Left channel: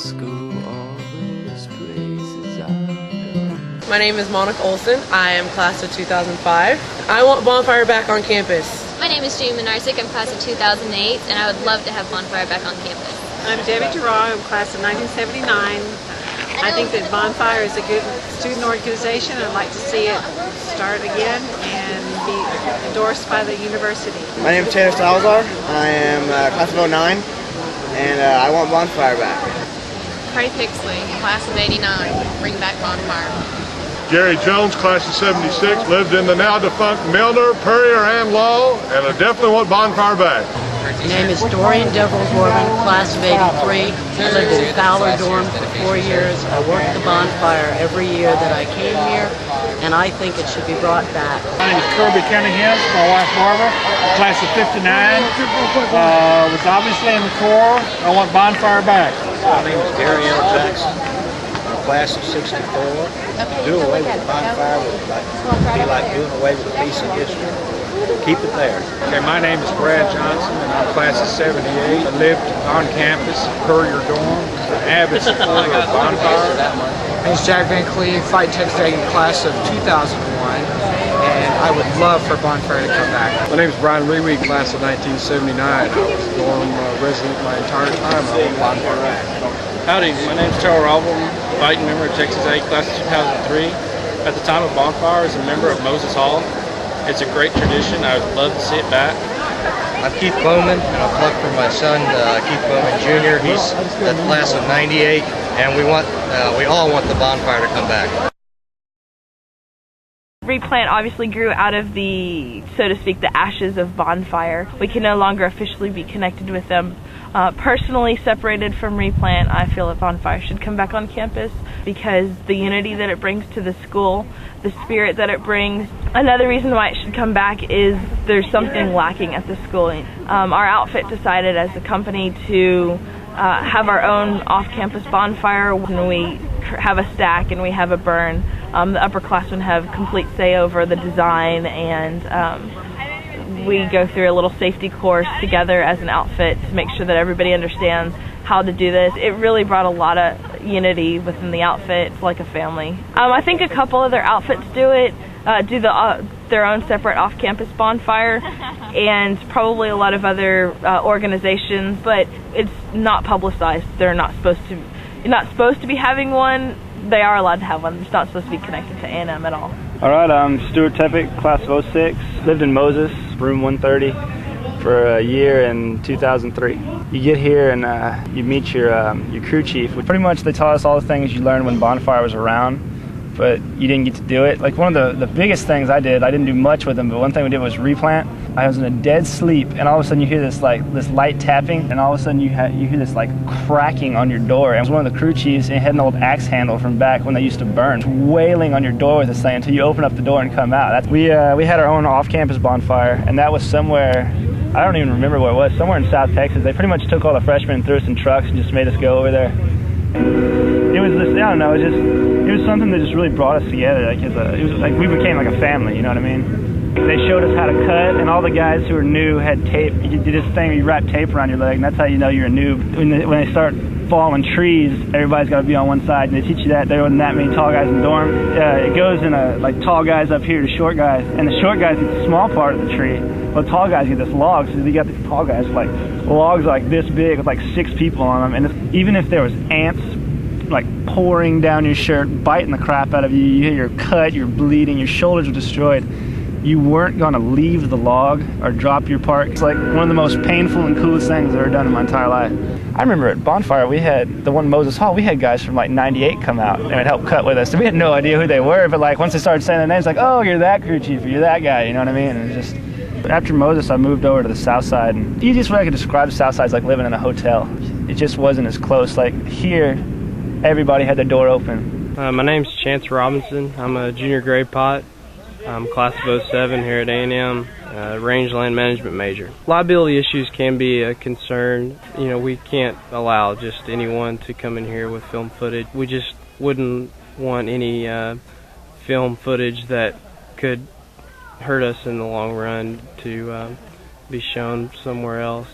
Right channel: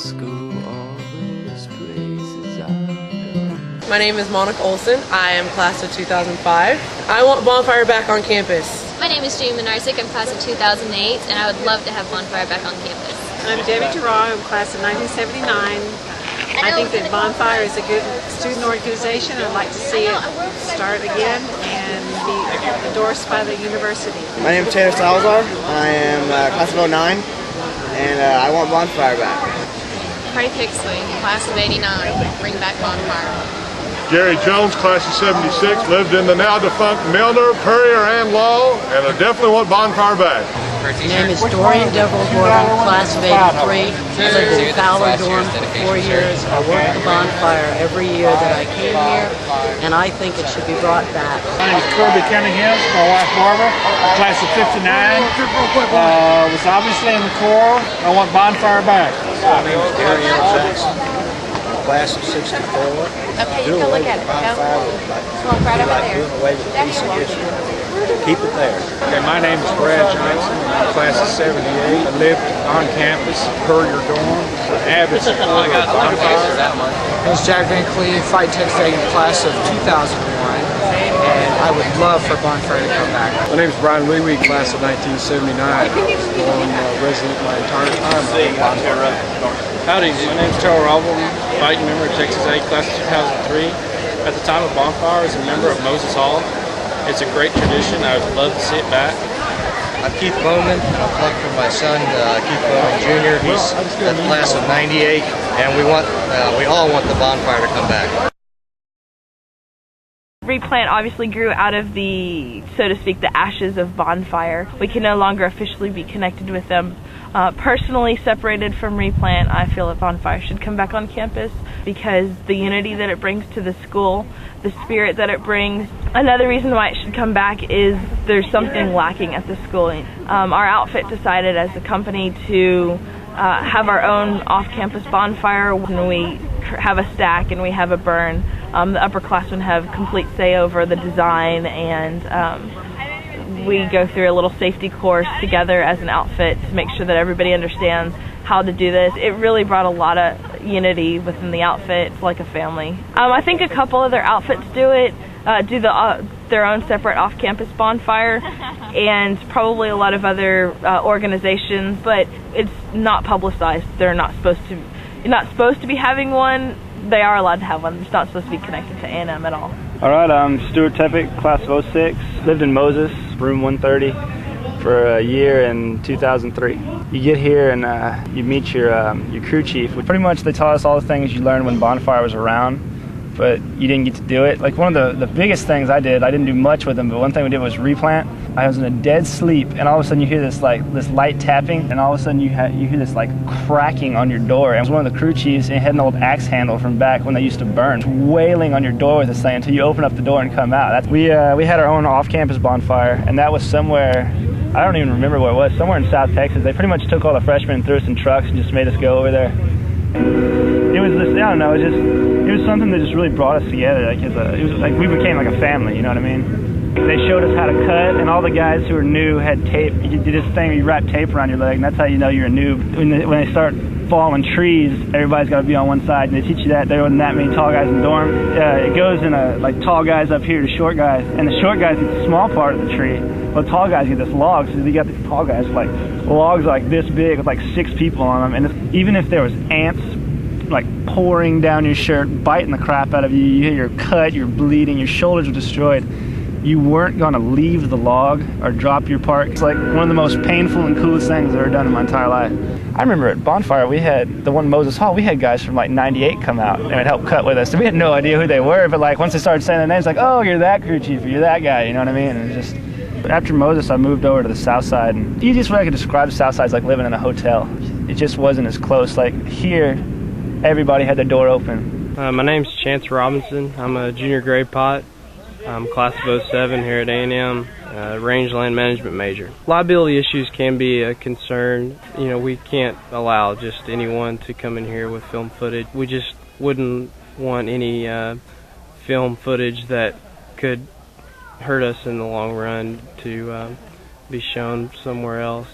school, all those places I've been. My name is Monica Olson. I am class of 2005. I want Bonfire back on campus. My name is Jamie Minarsik. I'm class of 2008, and I would love to have Bonfire back on campus. I'm Debbie Giroir. I'm class of 1979. I think that Bonfire is a good student organization. I'd like to see it start again and be endorsed by the university. My name is Taylor Salazar. I am class of 09, and I want Bonfire back. Cardi Pixley, class of 89. Bring back Bonfire. Jerry Jones, class of 76, lived in the now-defunct Milner, Purrier, and Law, and I definitely want Bonfire back. My name is Dorian Deverell-Gorman, class of 83. I lived in Fowler Dorm for 4 years. I worked the Bonfire every year that I came here, and I think it should be brought back. My name is Kirby Cunningham, my wife Barbara, class of 59. Was obviously in the Corps. I want Bonfire back. My name is Gary L. Jackson. Class of 64. Do away with Bonfire would be like doing away with a piece of history. Keep it there. Okay, my name is Brad Johnson, and I'm class of 78. I lived on campus at Purrier Dorm, an avid supporter of Bonfire. My name is Jack Van Cleve, Flight Tech Second, class of 2001, and I would love for Bonfire to come back. My name is Brian Reweed, class of 1979. I was a dorm resident my entire time. I want Bonfire back. Howdy, my name is Terrell Album, fighting member of Texas A, class of 2003. At the time of Bonfire, as a member of Moses Hall. It's a great tradition. I would love to see it back. I'm Keith Bowman, and I'm plugged for my son, Keith Bowman Jr. He's at the class of 98, and we all want the Bonfire to come back. Replant obviously grew out of the, so to speak, the ashes of Bonfire. We can no longer officially be connected with them. Personally separated from Replant, I feel that Bonfire should come back on campus because the unity that it brings to the school, the spirit that it brings. Another reason why it should come back is there's something lacking at the school. Our outfit decided as a company to have our own off-campus bonfire. When we have a stack and we have a burn, the upperclassmen have complete say over the design, and we go through a little safety course together as an outfit to make sure that everybody understands how to do this. It really brought a lot of unity within the outfit. It's like a family. I think a couple other outfits do it, their own separate off-campus bonfire, and probably a lot of other organizations, but it's not publicized. They're not supposed to be having one. They are allowed to have one. It's not supposed to be connected to A&M at all. Alright, I'm Stuart Tepic, class of 06. Lived in Moses, room 130, for a year in 2003. You get here and you meet your crew chief. Pretty much they taught us all the things you learned when Bonfire was around, but you didn't get to do it. Like one of the biggest things I didn't do much with them, but one thing we did was replant. I was in a dead sleep, and all of a sudden you hear this light tapping, and all of a sudden you hear this like cracking on your door. And it was one of the crew chiefs, and it had an old axe handle from back when they used to burn, wailing on your door with this thing until you open up the door and come out. We had our own off-campus bonfire, and that was somewhere, I don't even remember where it was, somewhere in South Texas. They pretty much took all the freshmen and threw us in trucks and just made us go over there. It was this, I don't know, it was something that just really brought us together. Like it was like we became like a family, you know what I mean? They showed us how to cut, and all the guys who were new had tape. You did this thing where you wrap tape around your leg, and that's how you know you're a noob. When they start falling trees, everybody's got to be on one side, and they teach you that. There wasn't that many tall guys in the dorm. It goes in like tall guys up here to short guys, and the short guys get the small part of the tree. Well, the tall guys get this log, so you got the tall guys like logs like this big with like 6 people on them, and even if there was ants like pouring down your shirt, biting the crap out of you, you're cut, you're bleeding, your shoulders are destroyed, you weren't going to leave the log or drop your part. It's like one of the most painful and coolest things I've ever done in my entire life. I remember at Bonfire, we had the one in Moses Hall, we had guys from like 98 come out and would help cut with us. So we had no idea who they were, but like once they started saying their names, like, oh, you're that crew chief, or you're that guy, you know what I mean? And just, after Moses, I moved over to the south side, and the easiest way I could describe the south side is like living in a hotel. It just wasn't as close. Like here, everybody had their door open. My name's Chance Robinson. I'm a junior grade pot. I'm class of 07 here at A&M, rangeland management major. Liability issues can be a concern. You know, we can't allow just anyone to come in here with film footage. We just wouldn't want any film footage that could hurt us in the long run to be shown somewhere else.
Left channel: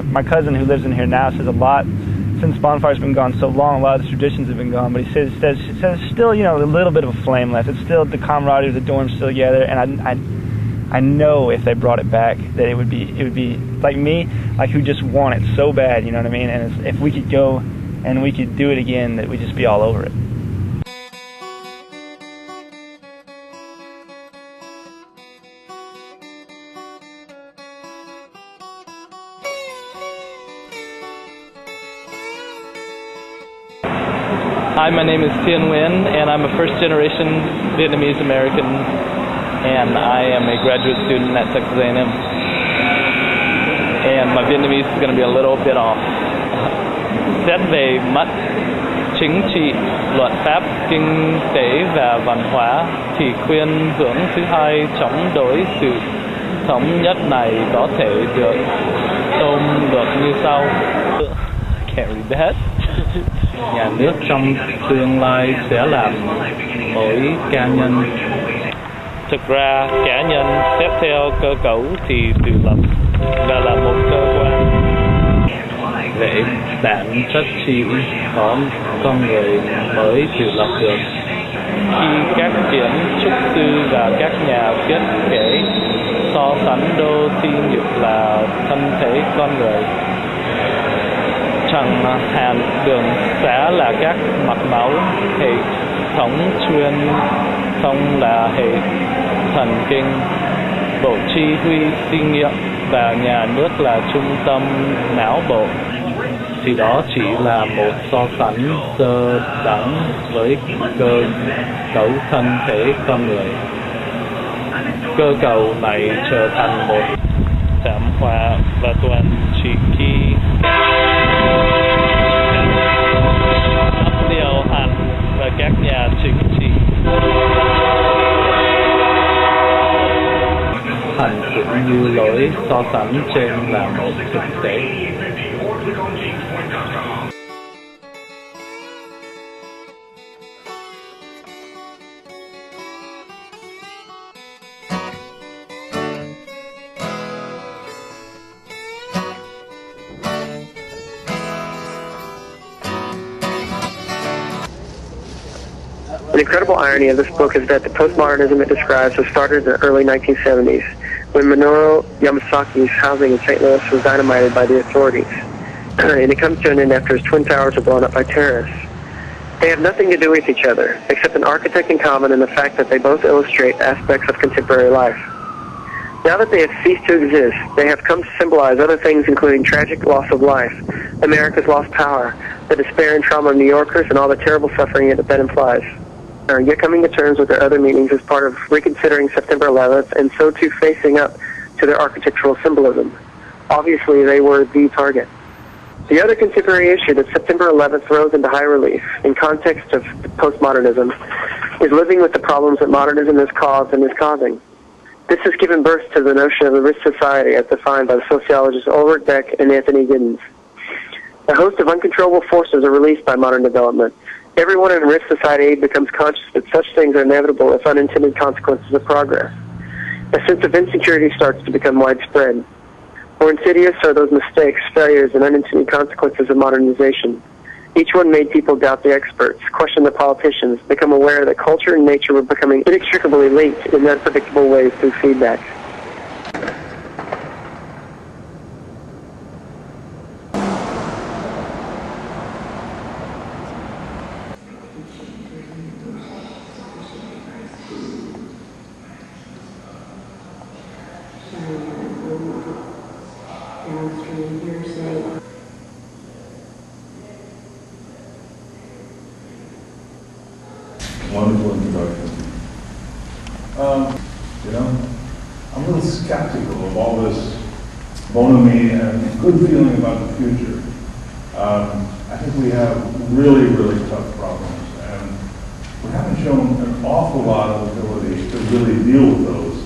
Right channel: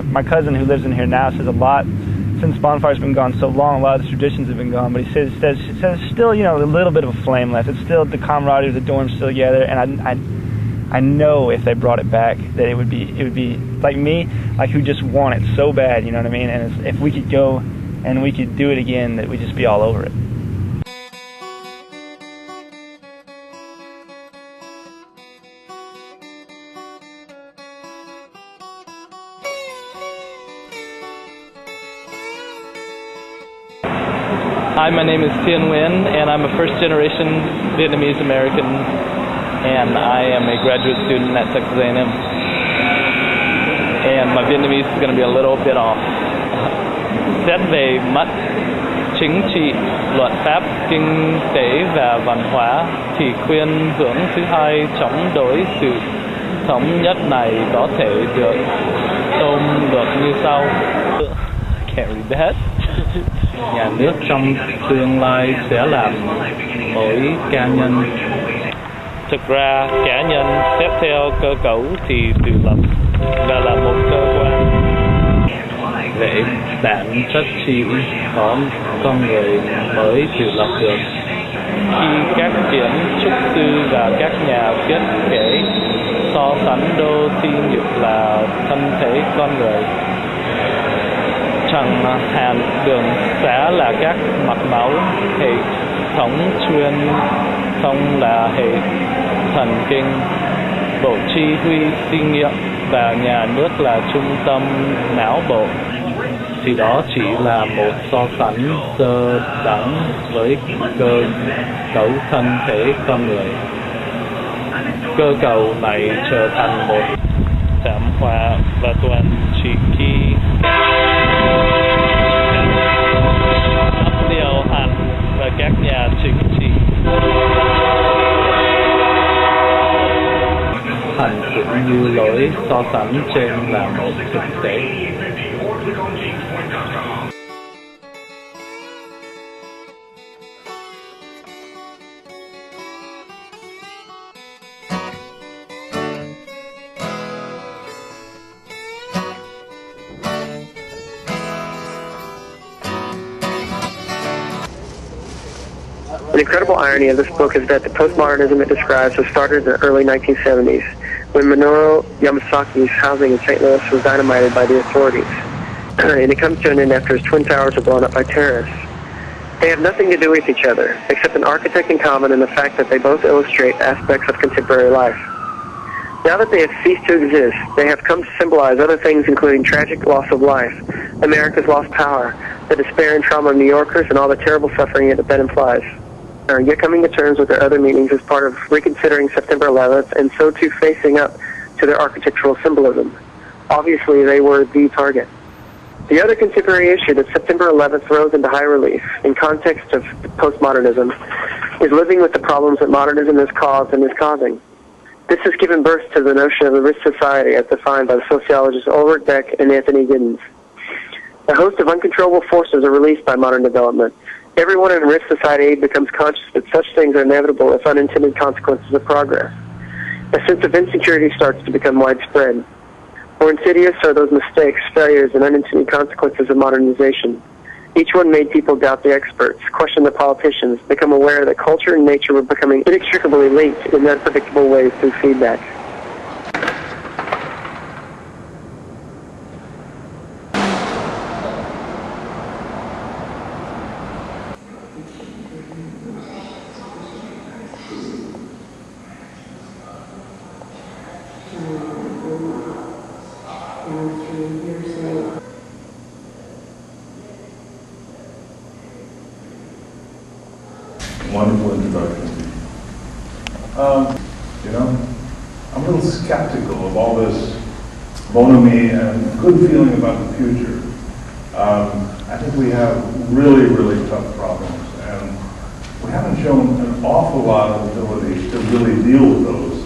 My cousin who lives in here now says a lot, since Bonfire's been gone so long, a lot of the traditions have been gone, but he says still, you know, a little bit of a flame left. It's still the camaraderie of the dorms still together, and I know if they brought it back that it would be like me, like who just want it so bad, you know what I mean? And if we could go and we could do it again, that we'd just be all over it. Hi, my name is Tien Nguyen, and I'm a first-generation Vietnamese American, and I am a graduate student at Texas A&M. And my Vietnamese is going to be a little bit off. Xét về mặt chính trị, luật pháp, kinh tế và văn hóa, thì khuyên hướng thứ hai chống đối sự thống nhất này có thể được ôm được như sau. Can't read that. Nhà nước trong tương lai sẽ làm mỗi cá nhân. Thực ra, cá nhân xét theo cơ cấu thì tự lập và là một cơ quan. Về bản chất chỉ có con người mới tự lập được. Khi các kiến trúc sư và các nhà thiết kế so sánh đô thị như là thân thể con người, chẳng hạn đường xá là các mạch máu, hệ thống truyền thông là hệ thần kinh, bộ chỉ huy sinh nghiệm và nhà nước là trung tâm não bộ, thì đó chỉ là một so sánh sơ đẳng với cơ cấu thân thể con người. Cơ cầu này trở thành một thảm họa và toàn chỉ khi điều hành và các nhà chính trị hành cũng như lối so sánh trên là một thực tế. The incredible irony of this book is that the postmodernism it describes was started in the early 1970s, when Minoru Yamasaki's housing in St. Louis was dynamited by the authorities, and it comes to an end after his twin towers are blown up by terrorists. They have nothing to do with each other, except an architect in common and the fact that they both illustrate aspects of contemporary life. Now that they have ceased to exist, they have come to symbolize other things, including tragic loss of life, America's lost power, the despair and trauma of New Yorkers, and all the terrible suffering that implies. Yet coming to terms with their other meanings as part of reconsidering September 11th, and so too facing up to their architectural symbolism. Obviously, they were the target. The other contemporary issue that September 11th throws into high relief in context of postmodernism is living with the problems that modernism has caused and is causing. This has given birth to the notion of the risk society as defined by the sociologists Ulrich Beck and Anthony Giddens. A host of uncontrollable forces are released by modern development. Everyone in risk society becomes conscious that such things are inevitable as unintended consequences of progress. A sense of insecurity starts to become widespread. More insidious are those mistakes, failures, and unintended consequences of modernization. Each one made people doubt the experts, question the politicians, become aware that culture and nature were becoming inextricably linked in unpredictable ways through feedback. Wonderful introduction. I'm a little skeptical of all this bonhomie and good feeling about the future. I think we have really, really tough problems, and we haven't shown an awful lot of ability to really deal with those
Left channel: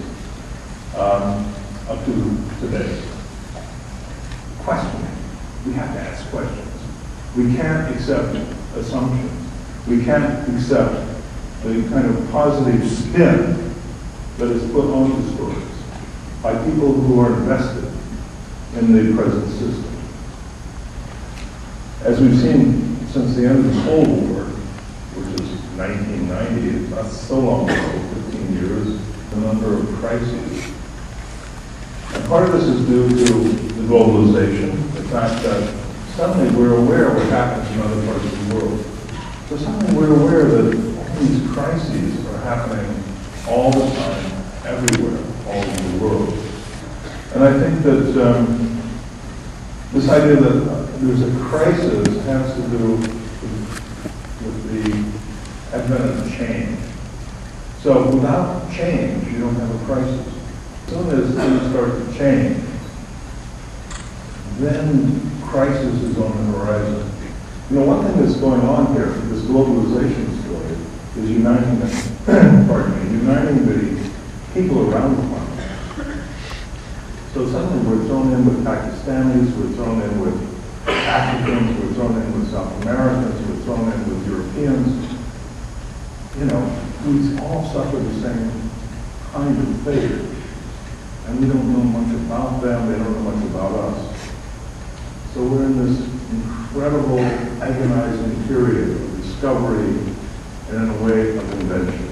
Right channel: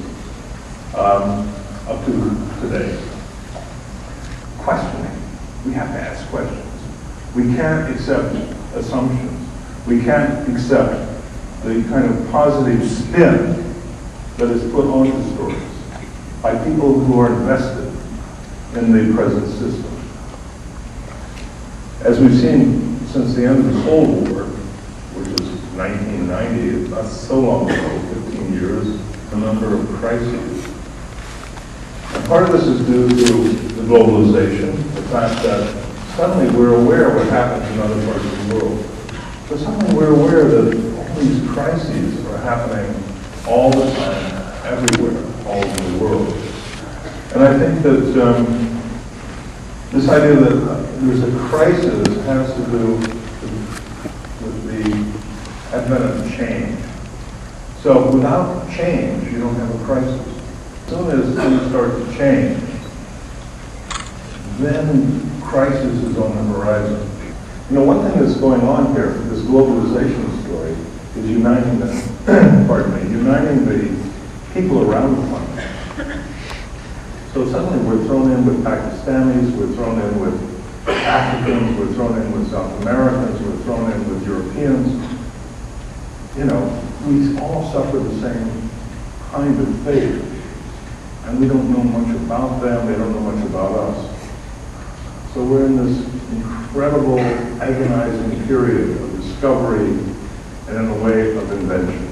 up to today. Questioning. We have to ask questions. We can't accept assumptions. We can't accept the kind of positive spin that is put onto stories by people who are invested in the present system. As we've seen since the end of the Cold War, which is 1990, it's not so long ago, 15 years, the number of crises. And part of this is due to the globalization, the fact that suddenly we're aware of what happens in other parts of the world. So suddenly we're aware that all these crises are happening all the time, everywhere, all over the world. And I think that this idea that there's a crisis has to do with the advent of change. So without change, you don't have a crisis. As soon as things start to change, then crisis is on the horizon. You know, one thing that's going on here, this globalization story, is uniting the people around the planet. So suddenly we're thrown in with Pakistanis, we're thrown in with Africans, we're thrown in with South Americans, we're thrown in with Europeans. You know, we all suffer the same kind of fate. And we don't know much about them, they don't know much about us. So we're in this incredible, agonizing period of discovery and in a way of invention.